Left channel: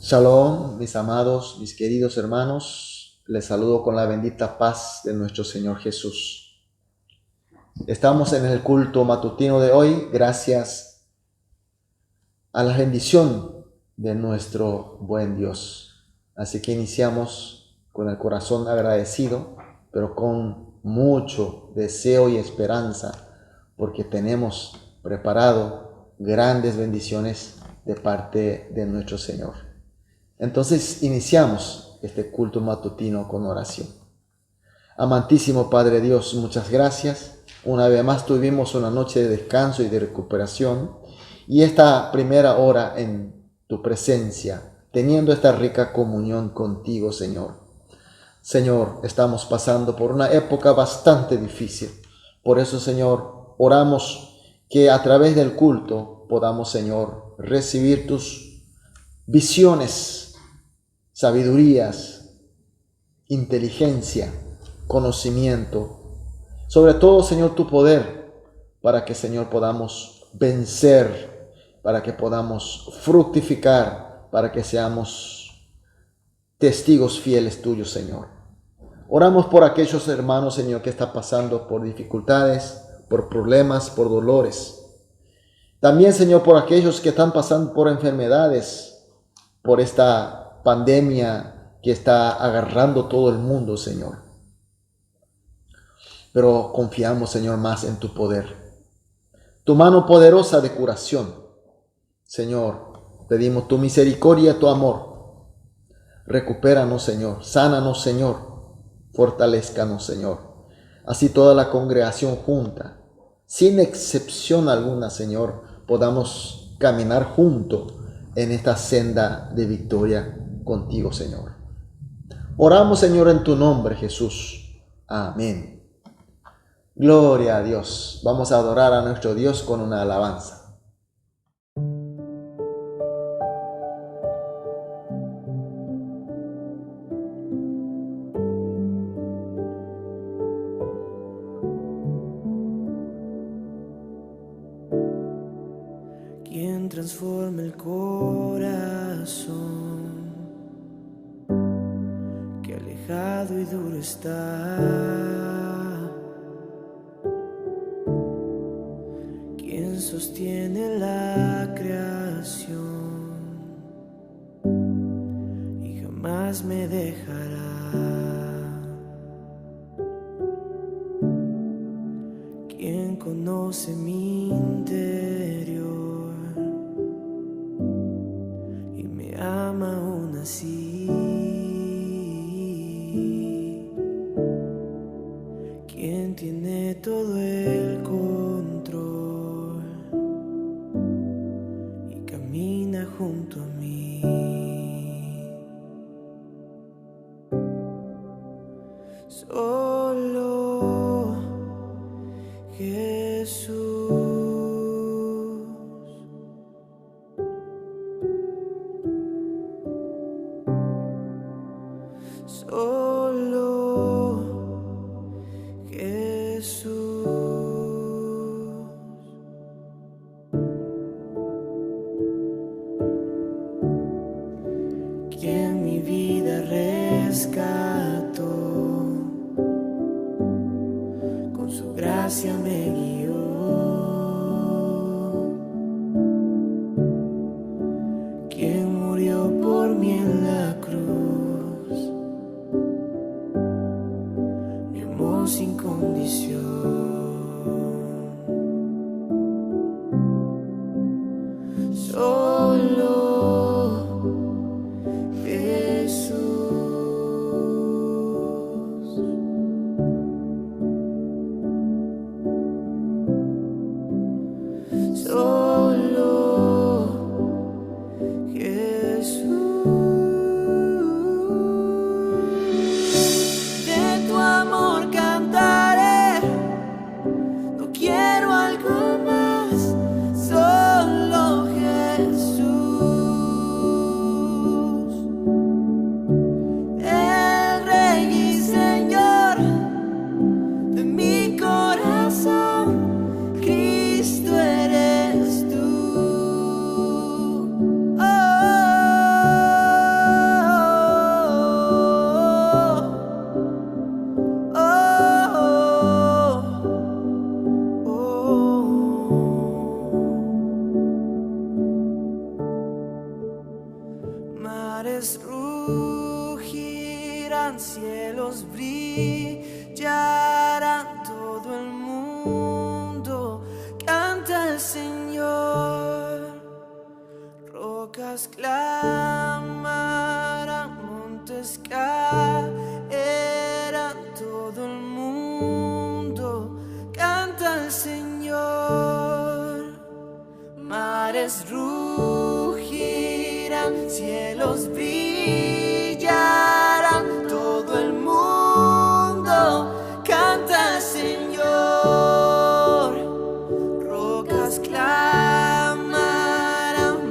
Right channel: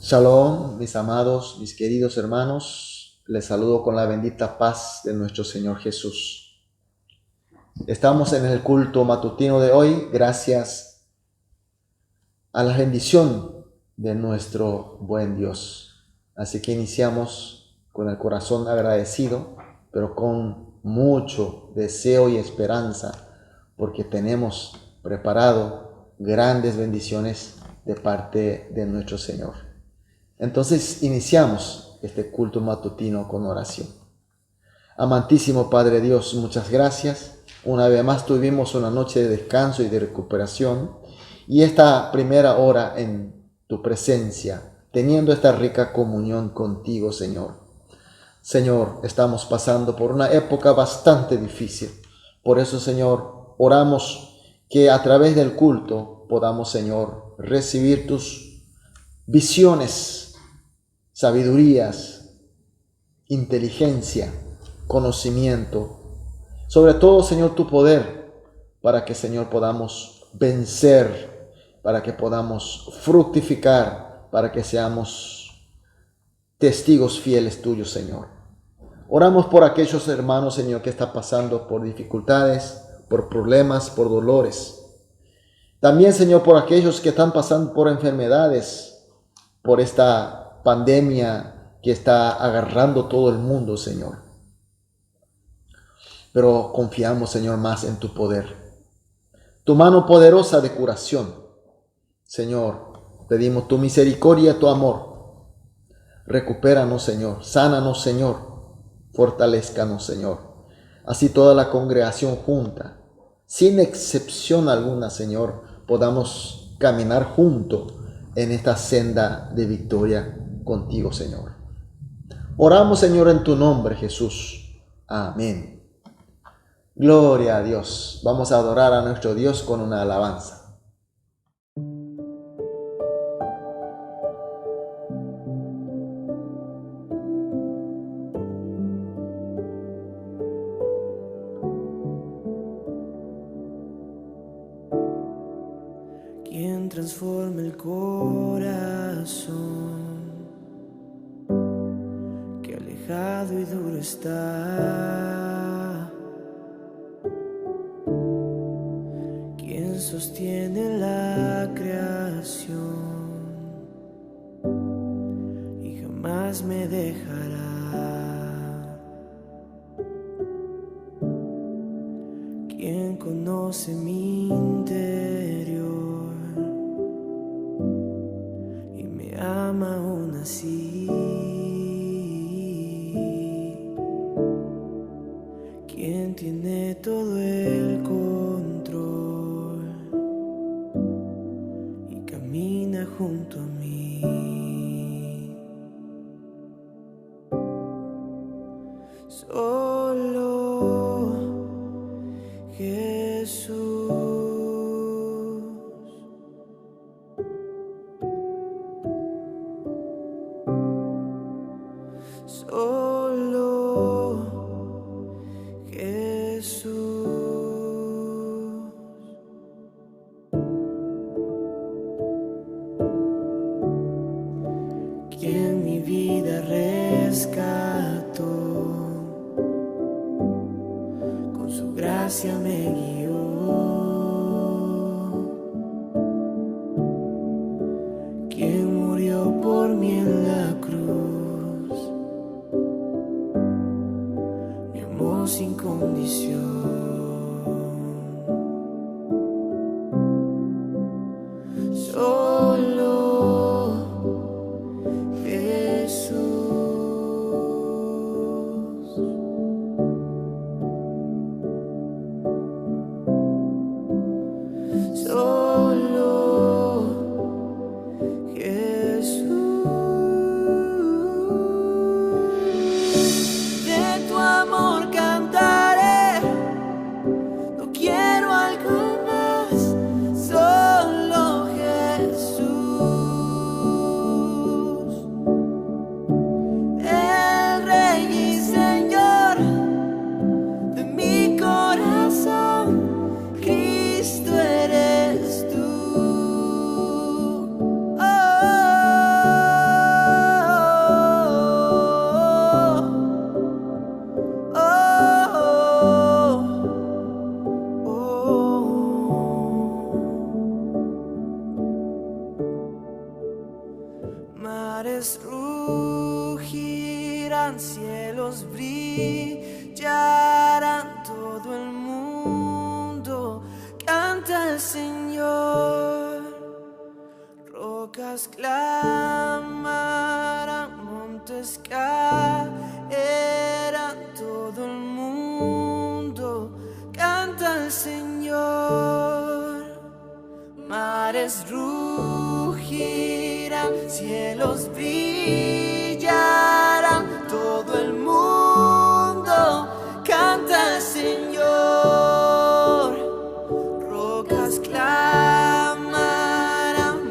Shalom, mis amados, mis queridos hermanos, les saludo con la bendita paz de nuestro Señor Jesús. Estamos en el culto matutino de hoy gracias a la bendición de nuestro buen Dios. Así que iniciamos con el corazón agradecido, pero con mucho deseo y esperanza, porque tenemos preparado grandes bendiciones de parte de nuestro Señor. Entonces iniciamos este culto matutino con oración. Amantísimo Padre Dios, muchas gracias. Una vez más tuvimos una noche de descanso y de recuperación y esta primera hora en tu presencia, teniendo esta rica comunión contigo, Señor. Señor, estamos pasando por una época bastante difícil. Por eso, Señor, oramos que a través del culto podamos, Señor, recibir tus visiones, sabidurías, inteligencia, conocimiento. Sobre todo, Señor, tu poder, para que, Señor, podamos vencer, para que podamos fructificar, para que seamos testigos fieles tuyos, Señor. Oramos por aquellos hermanos, Señor, que están pasando por dificultades, por problemas, por dolores. También, Señor, por aquellos que están pasando por enfermedades, por esta pandemia que está agarrando todo el mundo, Señor. Pero confiamos, Señor, más en tu poder, tu mano poderosa de curación. Señor, pedimos tu misericordia, tu amor. Recupéranos, Señor, sánanos, Señor, fortalézcanos, Señor. Así toda la congregación junta, sin excepción alguna, Señor, podamos caminar juntos en esta senda de victoria contigo, Señor. Oramos, Señor, en tu nombre, Jesús. Amén. Gloria a Dios. Vamos a adorar a nuestro Dios con una alabanza. Quien transforma el corazón, que alejado y duro está. Quien sostiene la creación y jamás me dejará. Quien conoce mi interior y me ama aún así. Quien tiene todo el control y camina junto a mí. Solo Jesús. Solo Jesús. Quien mi vida rescató, con su gracia me guió. Quien murió por mí en la cruz, mi amor sin condición. Solo Jesús. Solo Jesús. De tu amor cantaré Mares rugirán, cielos brillarán, todo el mundo canta al Señor. Rocas clamarán, montes caerán, todo el mundo canta al Señor. Mares rugirán, cielos brillarán, todo el mundo canta al Señor. Rocas clamarán,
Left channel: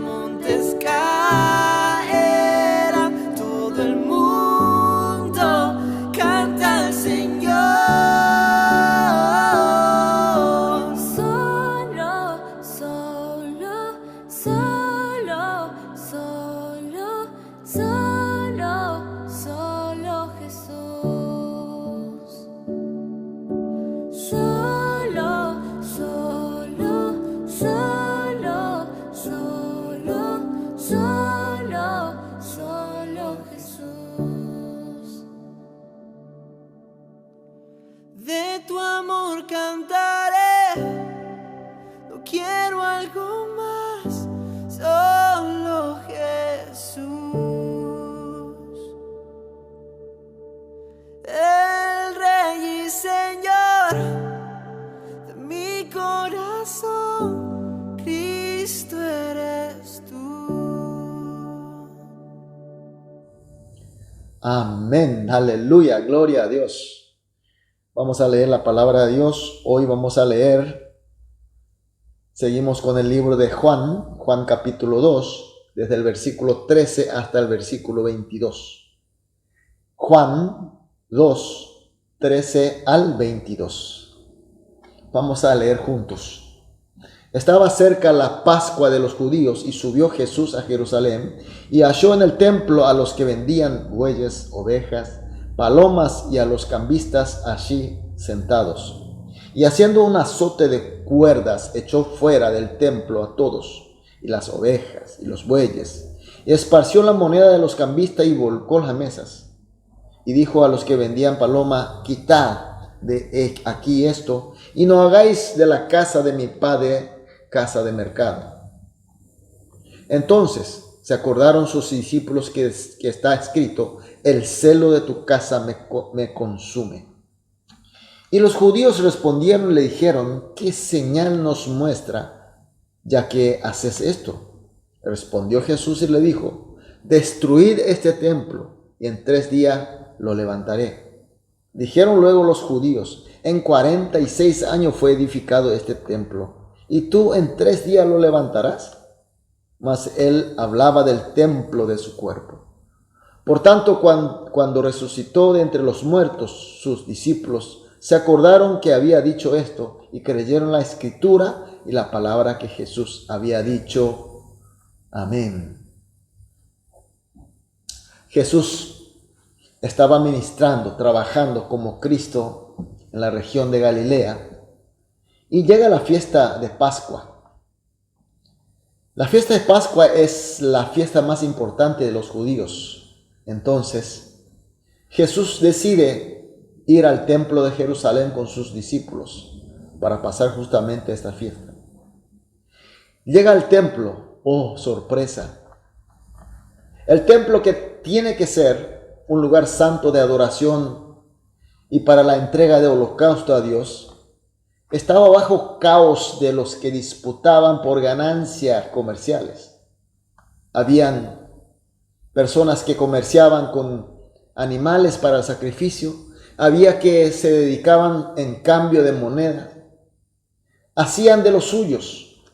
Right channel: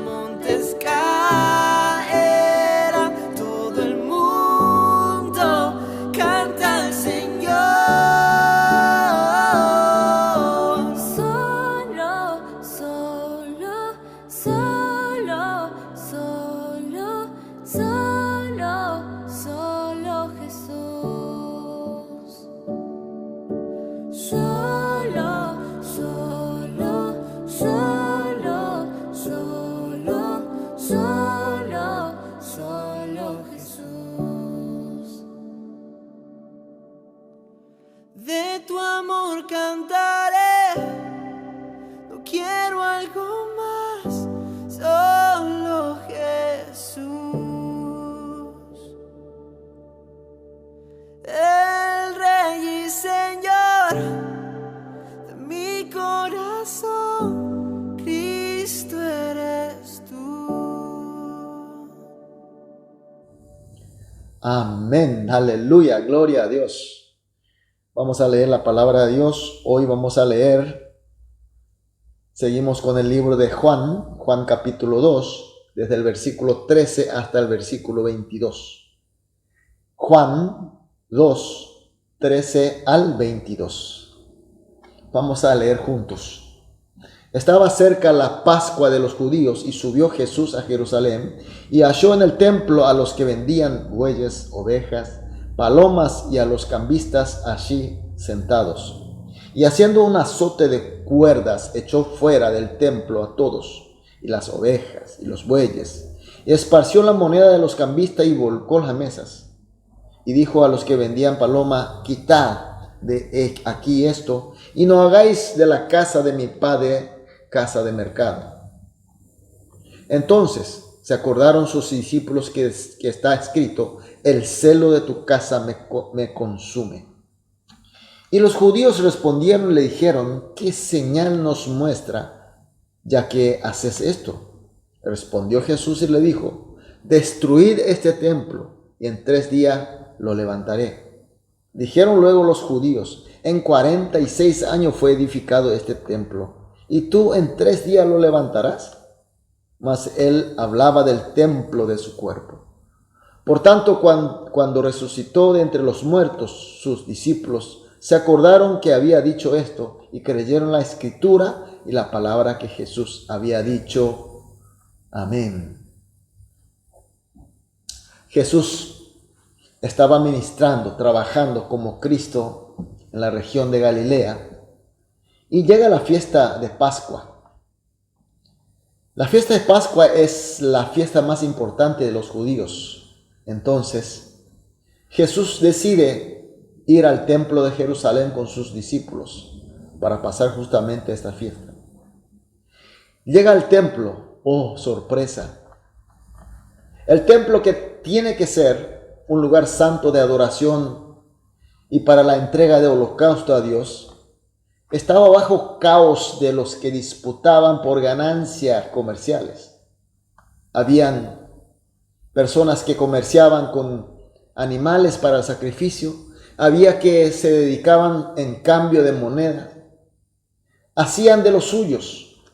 montes caerán, todo el mundo canta al Señor. Solo, solo, solo, solo, solo, solo Jesús. Solo, solo, solo, solo, solo, solo Jesús. De tu amor cantaré, no quiero algo más, solo Jesús. El Rey y Señor de mi corazón, Cristo eres tú. Amén, aleluya, gloria a Dios. Vamos a leer la palabra de Dios. Hoy vamos a leer, seguimos con el libro de Juan capítulo 2, desde el versículo 13 hasta el versículo 22. Juan 2, 13 al 22. Vamos a leer juntos. Estaba cerca la Pascua de los judíos y subió Jesús a Jerusalén y halló en el templo a los que vendían bueyes, ovejas, palomas y a los cambistas allí sentados. Y haciendo un azote de cuerdas echó fuera del templo a todos, y las ovejas y los bueyes, y esparció la moneda de los cambistas y volcó las mesas. Y dijo a los que vendían paloma: quitad de aquí esto, y no hagáis de la casa de mi padre casa de mercado. Entonces se acordaron sus discípulos que está escrito: el celo de tu casa me consume. Y los judíos respondieron y le dijeron: ¿qué señal nos muestra, ya que haces esto? Respondió Jesús y le dijo: destruid este templo, y en 3 días lo levantaré. Dijeron luego los judíos: en 46 años fue edificado este templo, ¿y tú en 3 días lo levantarás? Mas él hablaba del templo de su cuerpo. Por tanto, cuando resucitó de entre los muertos, sus discípulos se acordaron que había dicho esto y creyeron la escritura y la palabra que Jesús había dicho. Amén. Jesús estaba ministrando, trabajando como Cristo en la región de Galilea, y llega la fiesta de Pascua. La fiesta de Pascua es la fiesta más importante de los judíos. Entonces, Jesús decide ir al templo de Jerusalén con sus discípulos para pasar justamente esta fiesta. Llega al templo, ¡oh, sorpresa! El templo, que tiene que ser un lugar santo de adoración y para la entrega de holocausto a Dios, estaba bajo caos de los que disputaban por ganancias comerciales. Habían personas que comerciaban con animales para el sacrificio, había que se dedicaban en cambio de moneda, hacían de los suyos.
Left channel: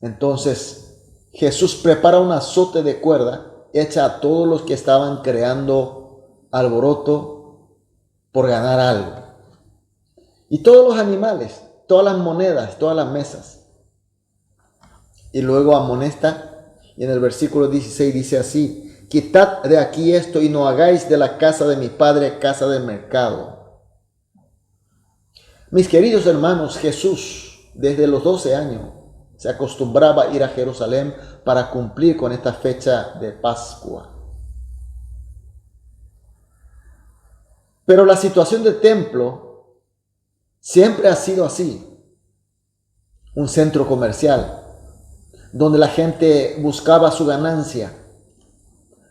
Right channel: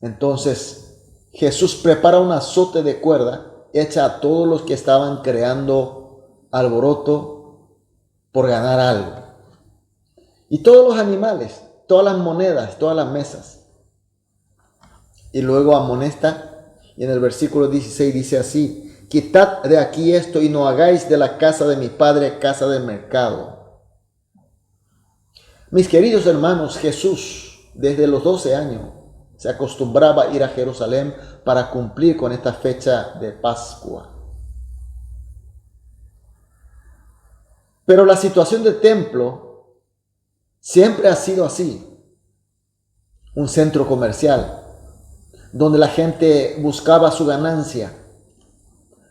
Entonces Jesús prepara un azote de cuerda hecha a todos los que estaban creando alboroto por ganar algo. Y todos los animales, todas las monedas, todas las mesas. Y luego amonesta, y en el versículo 16 dice así: quitad de aquí esto y no hagáis de la casa de mi padre casa de mercado. Mis queridos hermanos, Jesús desde los 12 años se acostumbraba a ir a Jerusalén para cumplir con esta fecha de Pascua. Pero la situación del templo siempre ha sido así. Un centro comercial donde la gente buscaba su ganancia.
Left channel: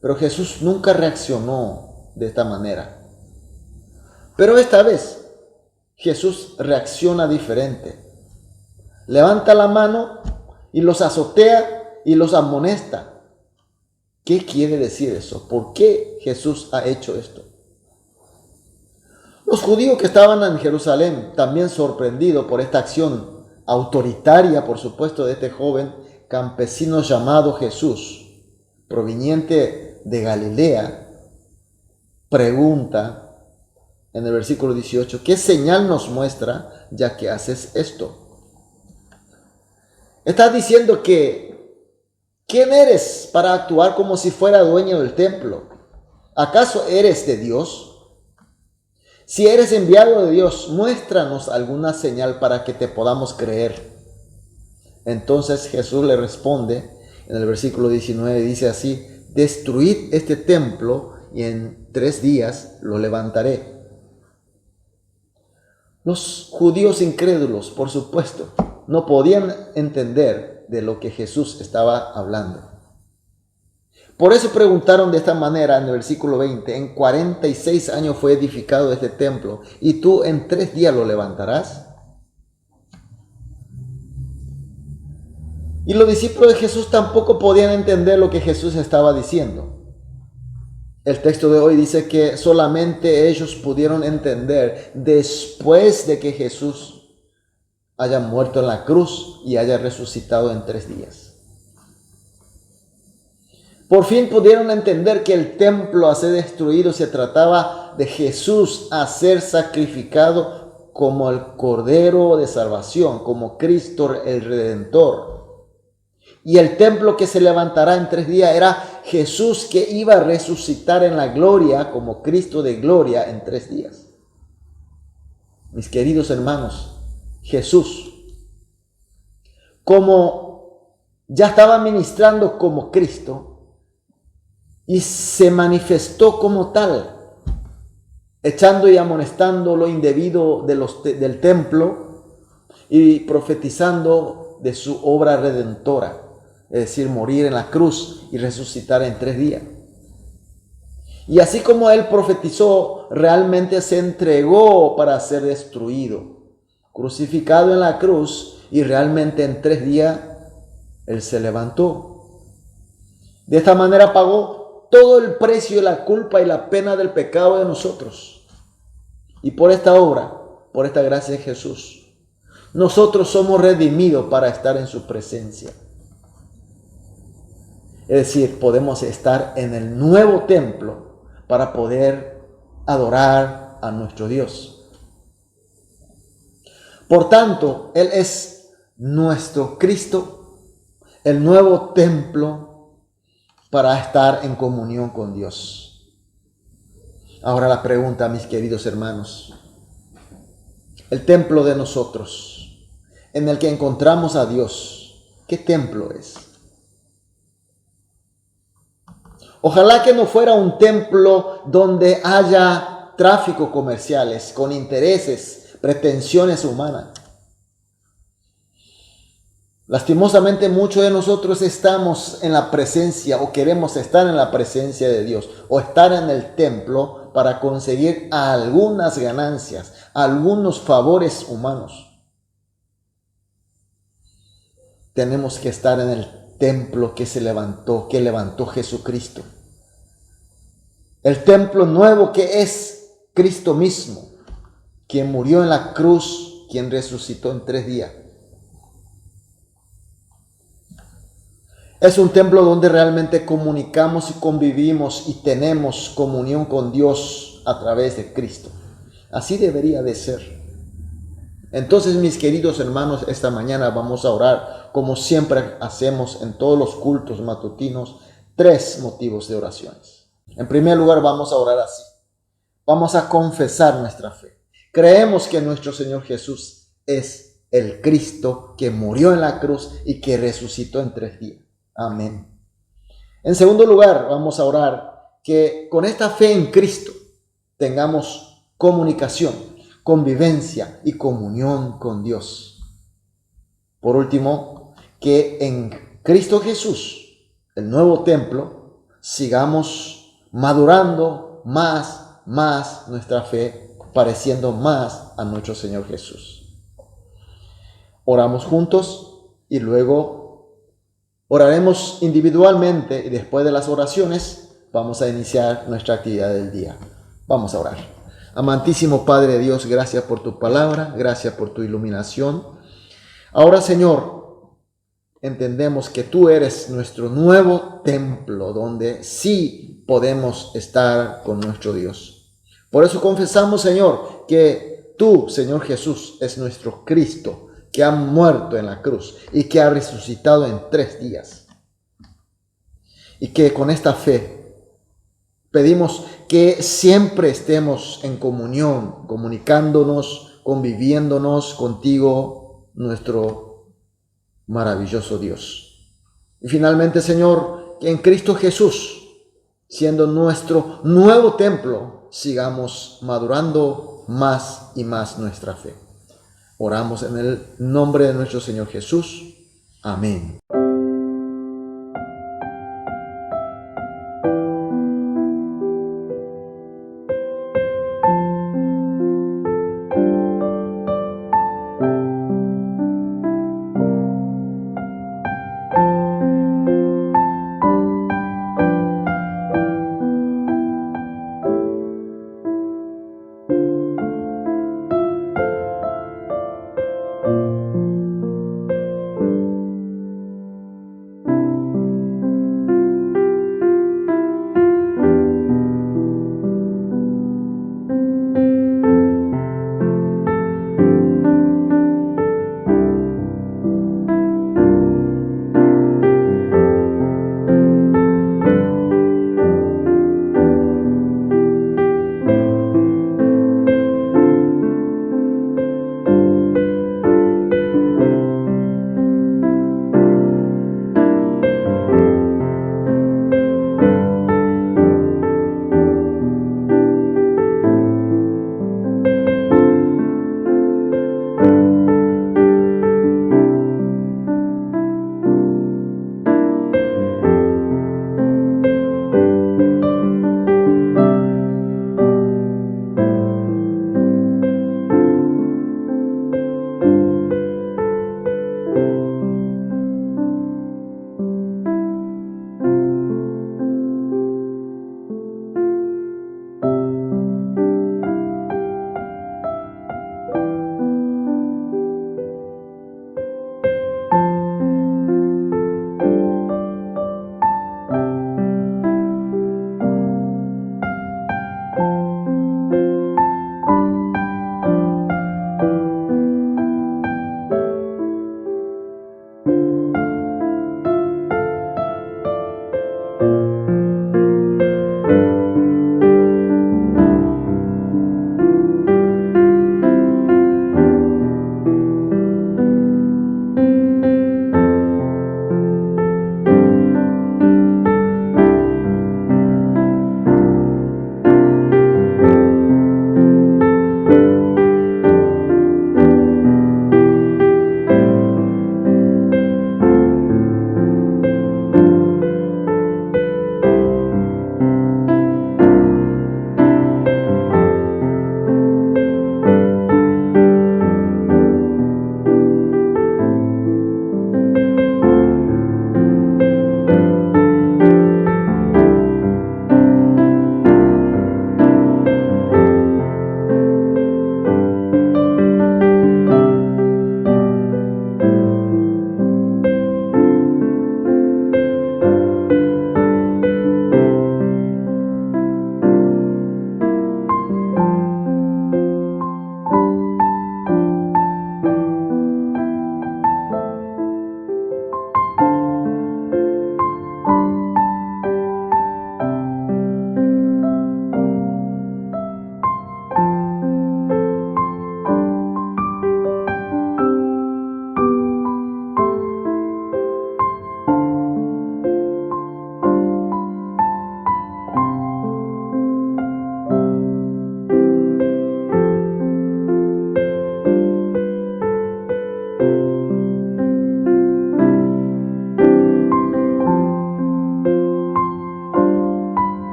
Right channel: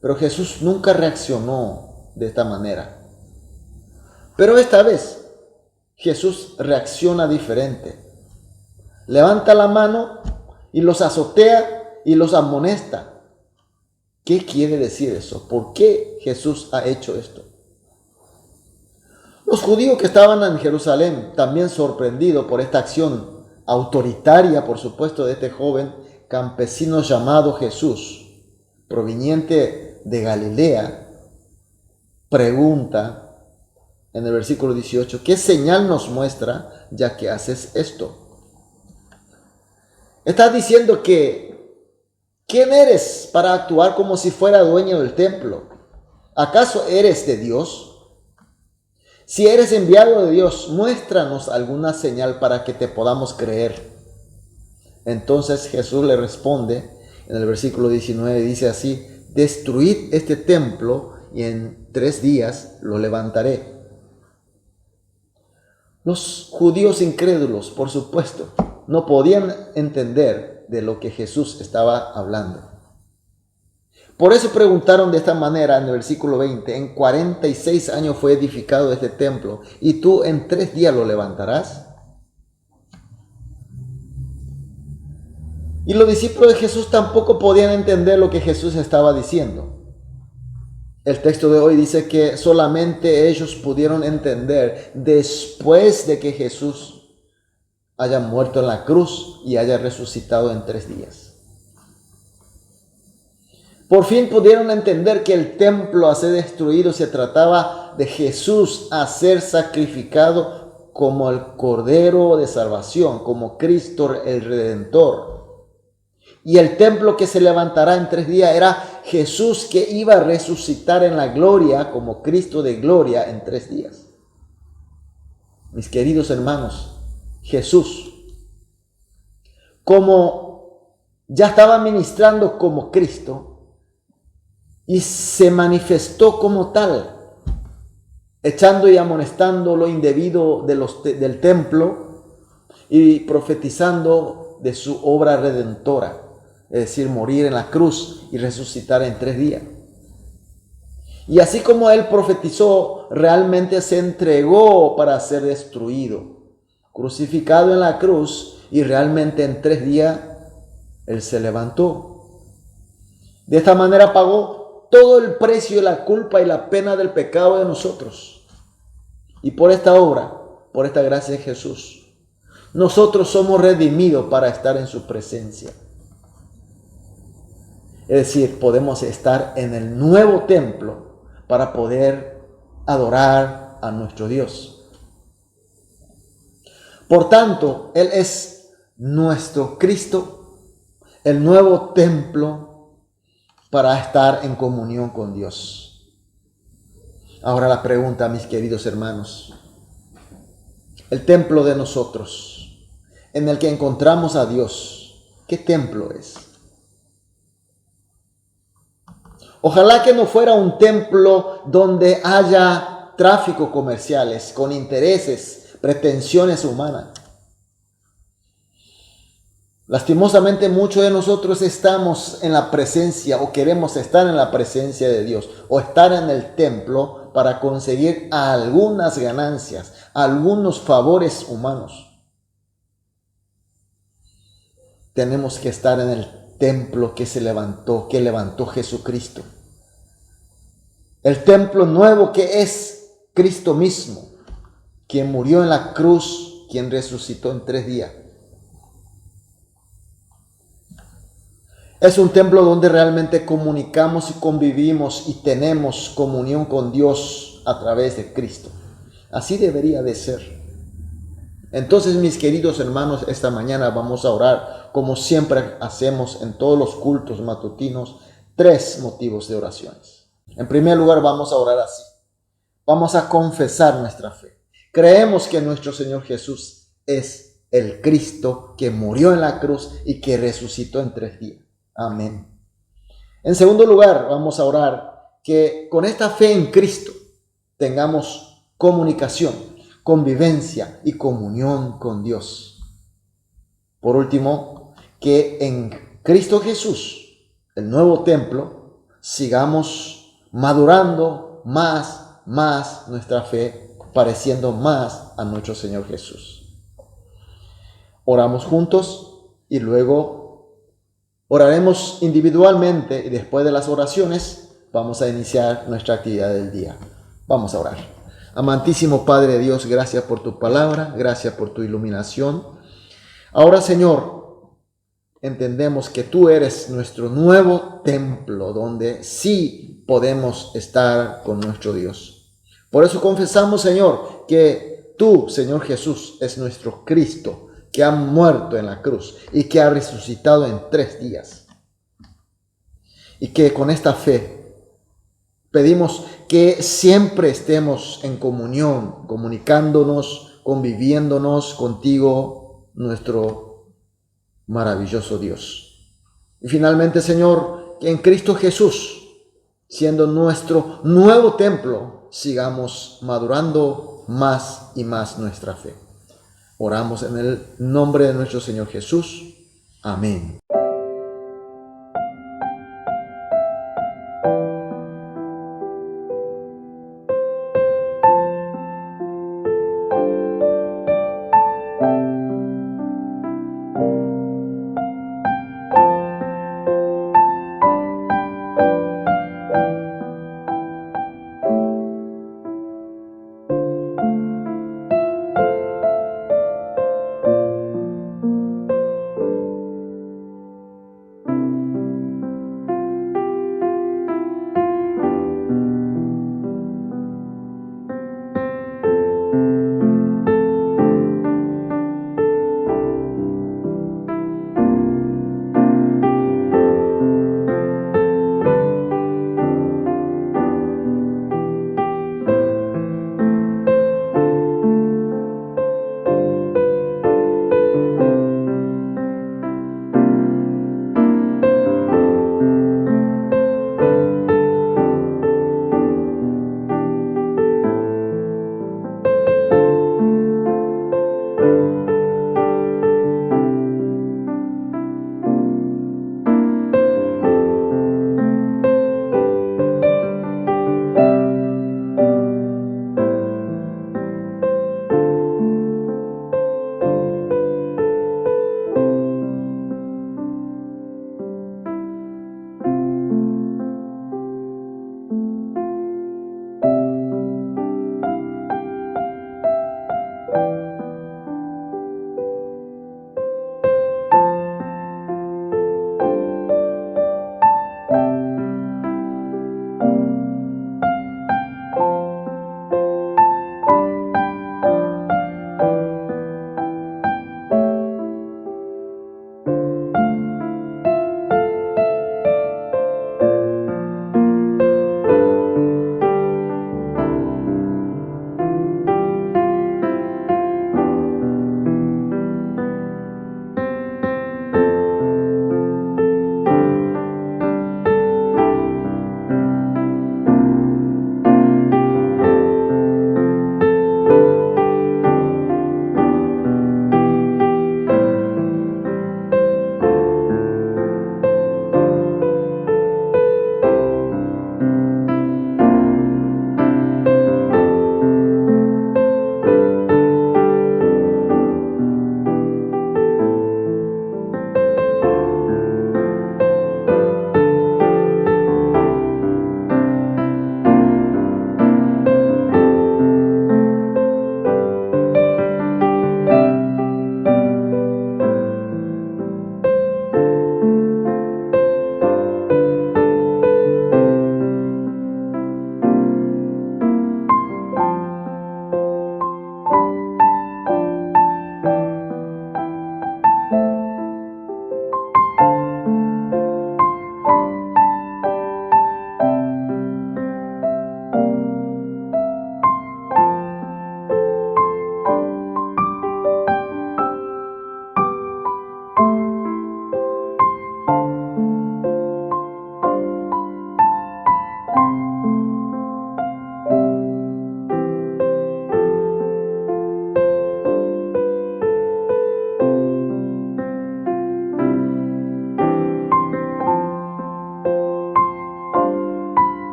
Pero Jesús nunca reaccionó de esta manera. Pero esta vez Jesús reacciona diferente. Levanta la mano y los azotea y los amonesta. ¿Qué quiere decir eso? ¿Por qué Jesús ha hecho esto? Los judíos que estaban en Jerusalén, también sorprendidos por esta acción autoritaria, por supuesto, de este joven campesino llamado Jesús, proveniente de Galilea, pregunta en el versículo 18, ¿qué señal nos muestra ya que haces esto? Está diciendo que, ¿quién eres para actuar como si fuera dueño del templo? ¿Acaso eres de Dios? Si eres enviado de Dios, muéstranos alguna señal para que te podamos creer. Entonces Jesús le responde en el versículo 19, dice así, destruid este templo y en 3 días lo levantaré. Los judíos incrédulos, por supuesto, no podían entender de lo que Jesús estaba hablando. Por eso preguntaron de esta manera en el versículo 20, en 46 años fue edificado este templo, ¿y tú en 3 días lo levantarás? Y los discípulos de Jesús tampoco podían entender lo que Jesús estaba diciendo. El texto de hoy dice que solamente ellos pudieron entender después de que Jesús haya muerto en la cruz y haya resucitado en 3 días. Por fin pudieron entender que el templo a ser destruido se trataba de Jesús a ser sacrificado como el Cordero de Salvación, como Cristo el Redentor. Y el templo que se levantará en 3 días era Jesús que iba a resucitar en la gloria como Cristo de gloria en 3 días. Mis queridos hermanos, Jesús, como ya estaba ministrando como Cristo, y se manifestó como tal, echando y amonestando lo indebido del templo y profetizando de su obra redentora, es decir, morir en la cruz y resucitar en 3 días. Y así como él profetizó, realmente se entregó para ser destruido, crucificado en la cruz, y realmente en 3 días él se levantó. De esta manera pagó todo el precio, la culpa y la pena del pecado de nosotros. Y por esta obra, por esta gracia de Jesús, nosotros somos redimidos para estar en su presencia. Es decir, podemos estar en el nuevo templo para poder adorar a nuestro Dios. Por tanto, Él es nuestro Cristo, el nuevo templo para estar en comunión con Dios. Ahora la pregunta, mis queridos hermanos, el templo de nosotros, en el que encontramos a Dios, ¿qué templo es? Ojalá que no fuera un templo donde haya tráfico comerciales con intereses, pretensiones humanas. Lastimosamente muchos de nosotros estamos en la presencia o queremos estar en la presencia de Dios o estar en el templo para conseguir algunas ganancias, algunos favores humanos. Tenemos que estar en el templo que levantó Jesucristo. El templo nuevo que es Cristo mismo, quien murió en la cruz, quien resucitó en 3 días. Es un templo donde realmente comunicamos y convivimos y tenemos comunión con Dios a través de Cristo. Así debería de ser. Entonces, mis queridos hermanos, esta mañana vamos a orar, como siempre hacemos en todos los cultos matutinos, 3 motivos de oraciones. En primer lugar, vamos a orar así. Vamos a confesar nuestra fe. Creemos que nuestro Señor Jesús es el Cristo que murió en la cruz y que resucitó en 3 días. Amén. En segundo lugar, vamos a orar que con esta fe en Cristo tengamos comunicación, convivencia y comunión con Dios. Por último, que en Cristo Jesús, el nuevo templo, sigamos madurando más nuestra fe, pareciendo más a nuestro Señor Jesús. Oramos juntos y luego oraremos individualmente y después de las oraciones vamos a iniciar nuestra actividad del día. Vamos a orar. Amantísimo Padre Dios, gracias por tu palabra, gracias por tu iluminación. Ahora, Señor, entendemos que tú eres nuestro nuevo templo donde sí podemos estar con nuestro Dios. Por eso confesamos, Señor, que tú, Señor Jesús, es nuestro Cristo, que ha muerto en la cruz y que ha resucitado en 3 días. Y que con esta fe pedimos que siempre estemos en comunión, comunicándonos, conviviéndonos contigo, nuestro maravilloso Dios. Y finalmente, Señor, que en Cristo Jesús, siendo nuestro nuevo templo, sigamos madurando más y más nuestra fe. Oramos en el nombre de nuestro Señor Jesús. Amén.